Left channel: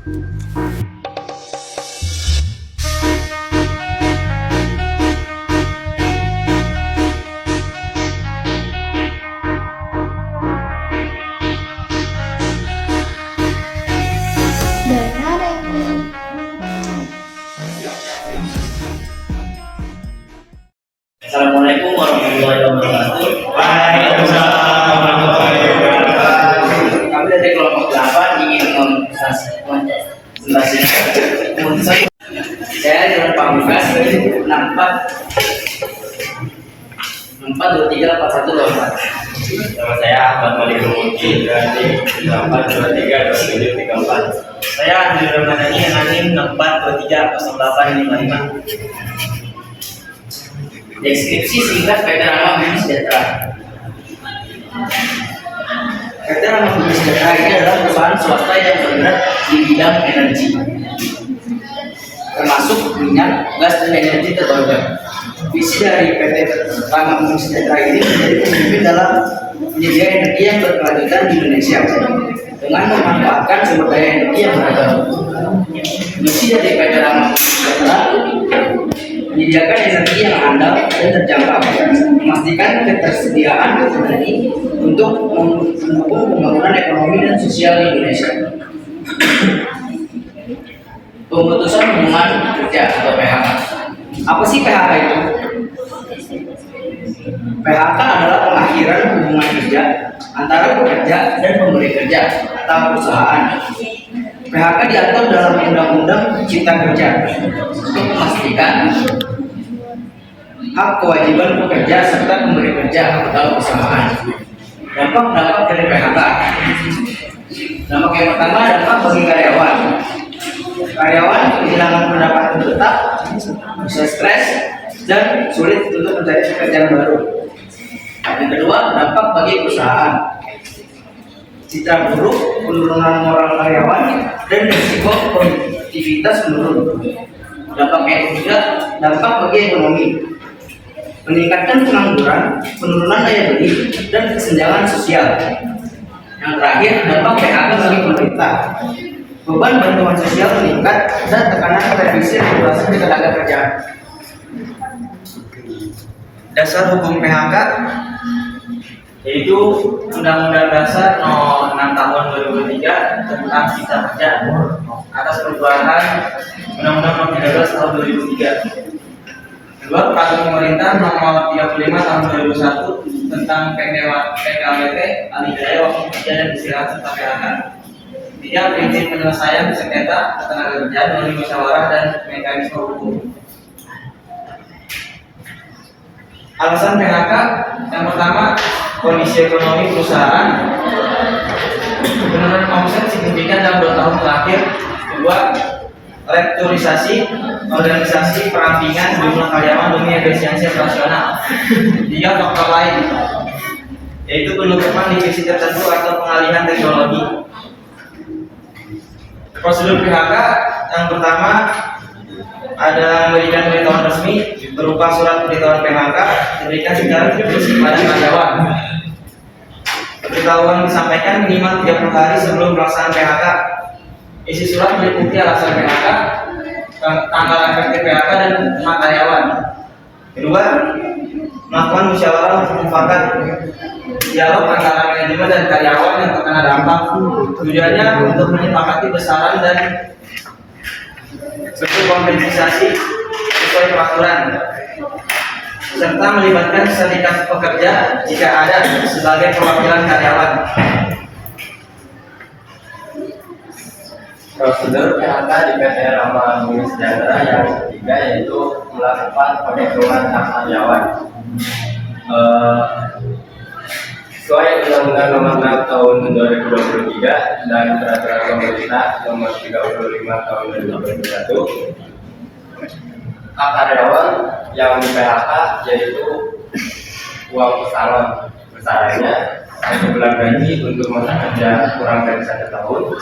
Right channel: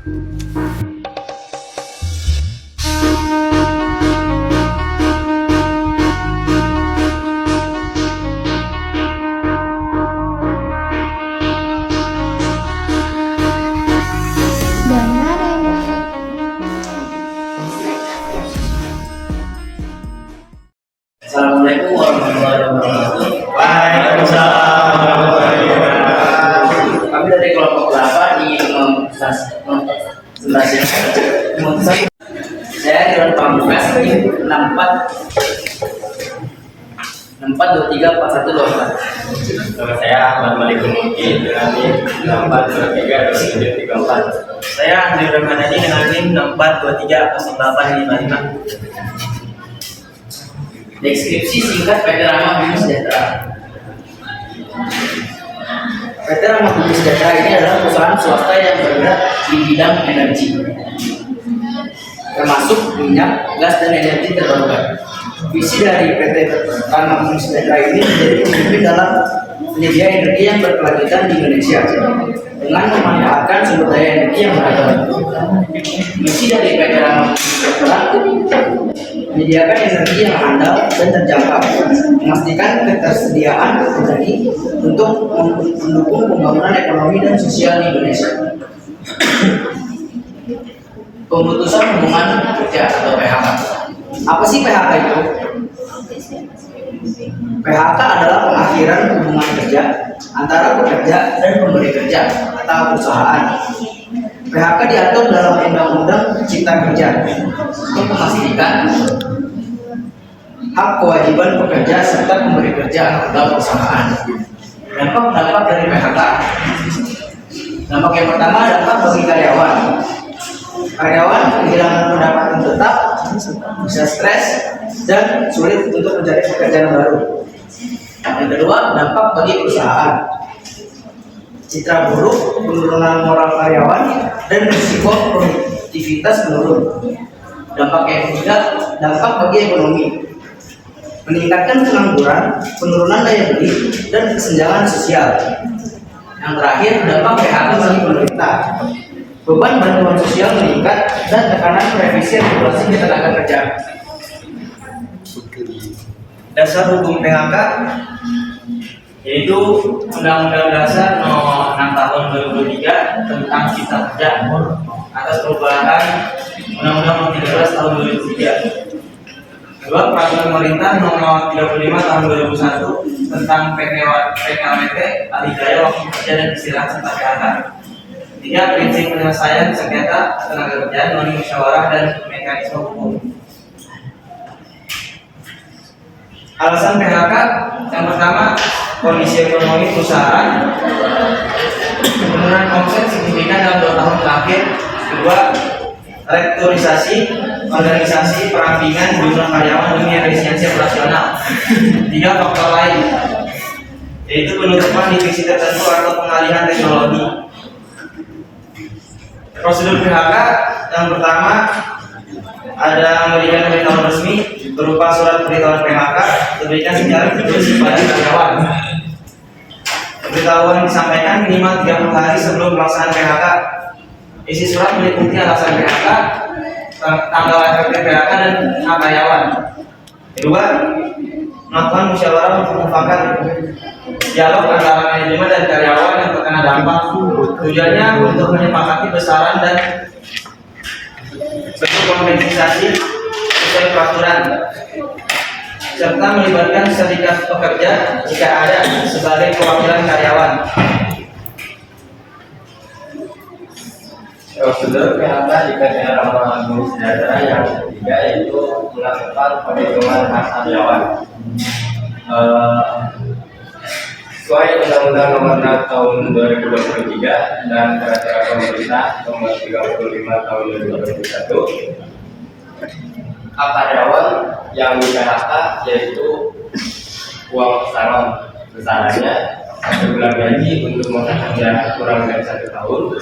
Assalamualaikum warahmatullahi wabarakatuh. Waalaikumsalam warahmatullahi wabarakatuh. Kami dari kelompok 8 ingin memutuskan saya Dewan Pamungkas 64234124. Nama saya Ahmad Malik Muki dengan NIM 64232734. Saya Andri Ramadhani dengan NIM 64230855. Deskripsi singkat PT Rama Bumi Sejahtera. PT Rama Bumi Sejahtera ini adalah perusahaan swasta yang bergerak di bidang energi, termasuk minyak, gas, dan energi terbarukan. Visi dari PT Rama Bumi Sejahtera ini menjadi pemimpin dalam penyedia energi yang berkelanjutan di Indonesia dengan memanfaatkan sumber daya energi yang beragam. Misi dari PT Rama Bumi Sejahtera menyediakan energi yang handal dan terjangkau, memastikan ketersediaan energi untuk mendukung pembangunan ekonomi dan sosial di Indonesia. Pemutusan hubungan kerja atau PHK. Apa sih PHK itu? PHK adalah pengakhiran hubungan kerja antara pekerja dan pemberi kerja atau perusahaan. PHK diatur dalam Undang-Undang Cipta Kerja untuk memastikan hak kewajiban pekerja serta pemberi kerja atau perusahaan. Dampak dari PHK. Dampak yang pertama, dampak bagi karyawan. Karyawan kehilangan pendapatan tetap, bisa stres, dan sulit untuk mencari pekerjaan baru. Yang kedua, dampak bagi perusahaan. Citra buruk, penurunan moral karyawan, dan risiko produktivitas menurun. Dampak yang ketiga, dampak bagi ekonomi. Meningkatkan pengangguran, penurunan daya beli, dan kesenjangan sosial. Yang terakhir, dampak PHK bagi pemerintah. Beban bantuan sosial meningkat dan tekanan revisi regulasi tenaga kerja. Dasar hukum PHK yaitu Undang-Undang Dasar No. 6 Tahun 2003 tentang Cipta Kerja atas perubahan Undang-Undang No. 13 Tahun 2003. Kedua, Peraturan Pemerintah Nomor 35 Tahun 2001 tentang PKWT, alih daya waktu kerja dan istirahat serta PHK. Tiga, prinsip penyelesaian sengketa tenaga kerja melalui musyawarah dan mekanisme hukum. Alasan PHK yang pertama, kondisi ekonomi perusahaan, penurunan omset signifikan dalam 2 tahun terakhir. Kedua, restrukturisasi organisasi perampingan jumlah karyawan demi efisiensi operasional. Tiga, faktor lain yaitu penutupan divisi tertentu atau pengalihan teknologi. Prosedur PHK yang pertama ada memberikan pemberitahuan resmi berupa surat pemberitahuan PHK diberikan secara tertulis kepada karyawan. Pemberitahuan disampaikan minimal 30 hari sebelum pelaksanaan PHK. Isi surat meliputi alasan PHK, tanggal efektif PHK, dan hak karyawan. Kedua, melakukan musyawarah untuk mufakat dialog antara manajemen dan karyawan yang terkena dampak. Tujuannya untuk menyepakati besaran dan bentuk kompensasi sesuai peraturan, serta melibatkan serikat pekerja jika ada sebagai perwakilan karyawan. Prosedur PHK di PT Rama Bumi Sejahtera yang ketiga yaitu melakukan penghitungan hak karyawan. Sesuai Undang-Undang Nomor 6 Tahun 2023 dan Peraturan Pemerintah Nomor 35 Tahun 2021, hak karyawan yang di PHK yaitu uang pesangon besarannya 1 bulan gaji untuk masa kerja kurang dari 1 tahun,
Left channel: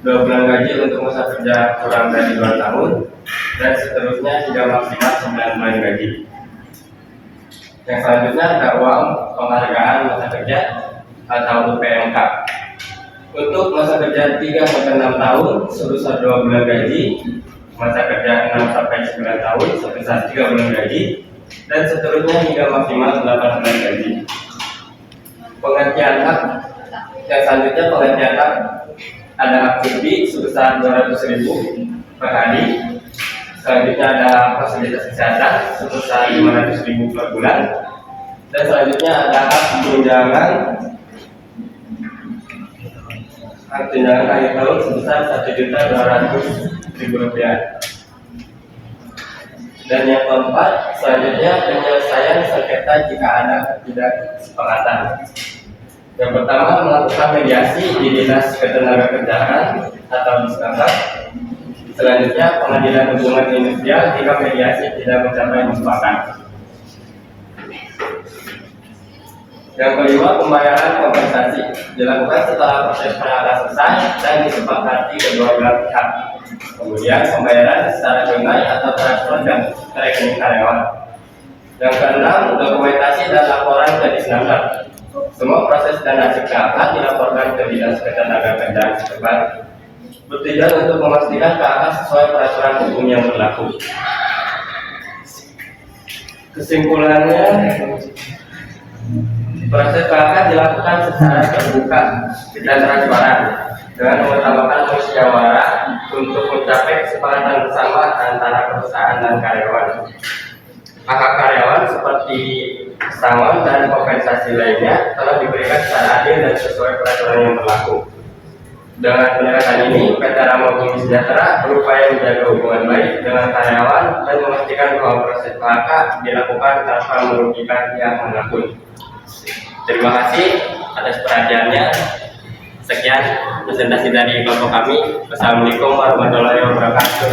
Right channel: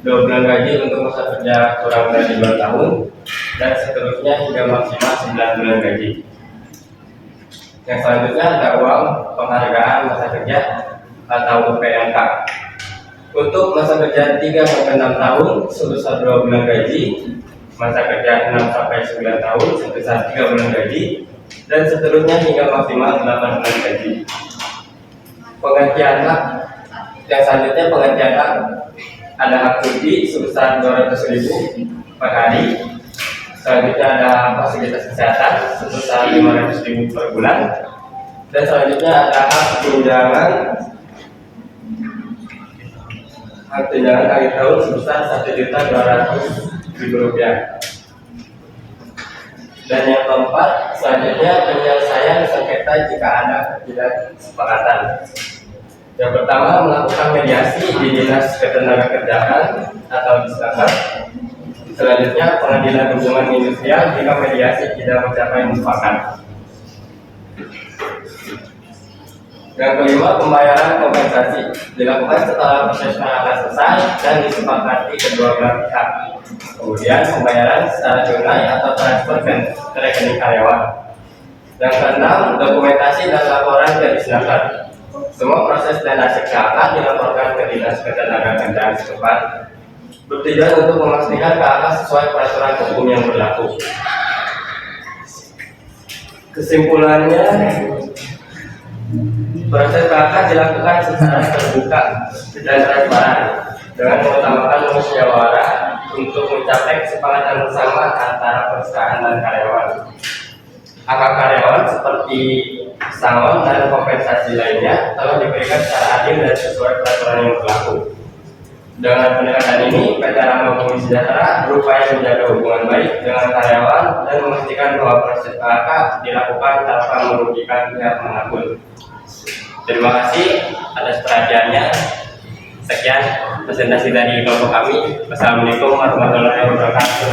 2 bulan gaji untuk masa kerja kurang dari 2 tahun, dan seterusnya hingga maksimal 9 bulan gaji. Yang selanjutnya ada uang penghargaan masa kerja atau UPMK. Untuk masa kerja 3 sampai 6 tahun sebesar 2 bulan gaji, masa kerja 6 sampai 9 tahun sebesar 3 bulan gaji, dan seterusnya hingga maksimal 8 bulan gaji. Penggantian hak yang selanjutnya, penggantian hak ada hak cuti sebesar 200.000 per hari. Selanjutnya ada fasilitas kesehatan sebesar 500.000 per bulan, dan selanjutnya ada hak tunjangan akhir tahun sebesar 1.200.000 rupiah. Dan yang keempat, selanjutnya penyelesaian sengketa jika ada ketidaksepakatan. Yang pertama, melakukan mediasi di Dinas Ketenagakerjaan atau Disnaker. Selanjutnya, pengadilan hubungan industrial jika mediasi tidak mencapai mufakat. Yang kelima, pembayaran kompensasi dilakukan setelah proses PHK selesai dan disepakati kedua belah pihak. Kemudian pembayaran secara tunai atau transfer ke rekening karyawan. Yang keenam, dokumentasi dan laporan ke Disnaker. Semua proses dan hasil PHK dilaporkan ke Dinas Ketenagakerjaan setempat, bertujuan untuk memastikan PHK sesuai peraturan hukum yang berlaku. Kesimpulannya, proses PHK dilakukan secara terbuka dan transparan dengan mengutamakan musyawarah untuk mencapai kesepakatan bersama antara perusahaan dan karyawan. Hak karyawan seperti pesangon dan kompensasi lainnya telah diberikan secara adil dan sesuai peraturan yang berlaku. Dengan pendekatan ini, PT Rama Bumi Sejahtera berupaya menjaga hubungan baik dengan karyawan dan memastikan bahwa proses PHK dilakukan tanpa merugikan pihak manapun. Terima kasih atas perhatiannya. Sekian presentasi dari kelompok kami. Wassalamualaikum warahmatullahi wabarakatuh.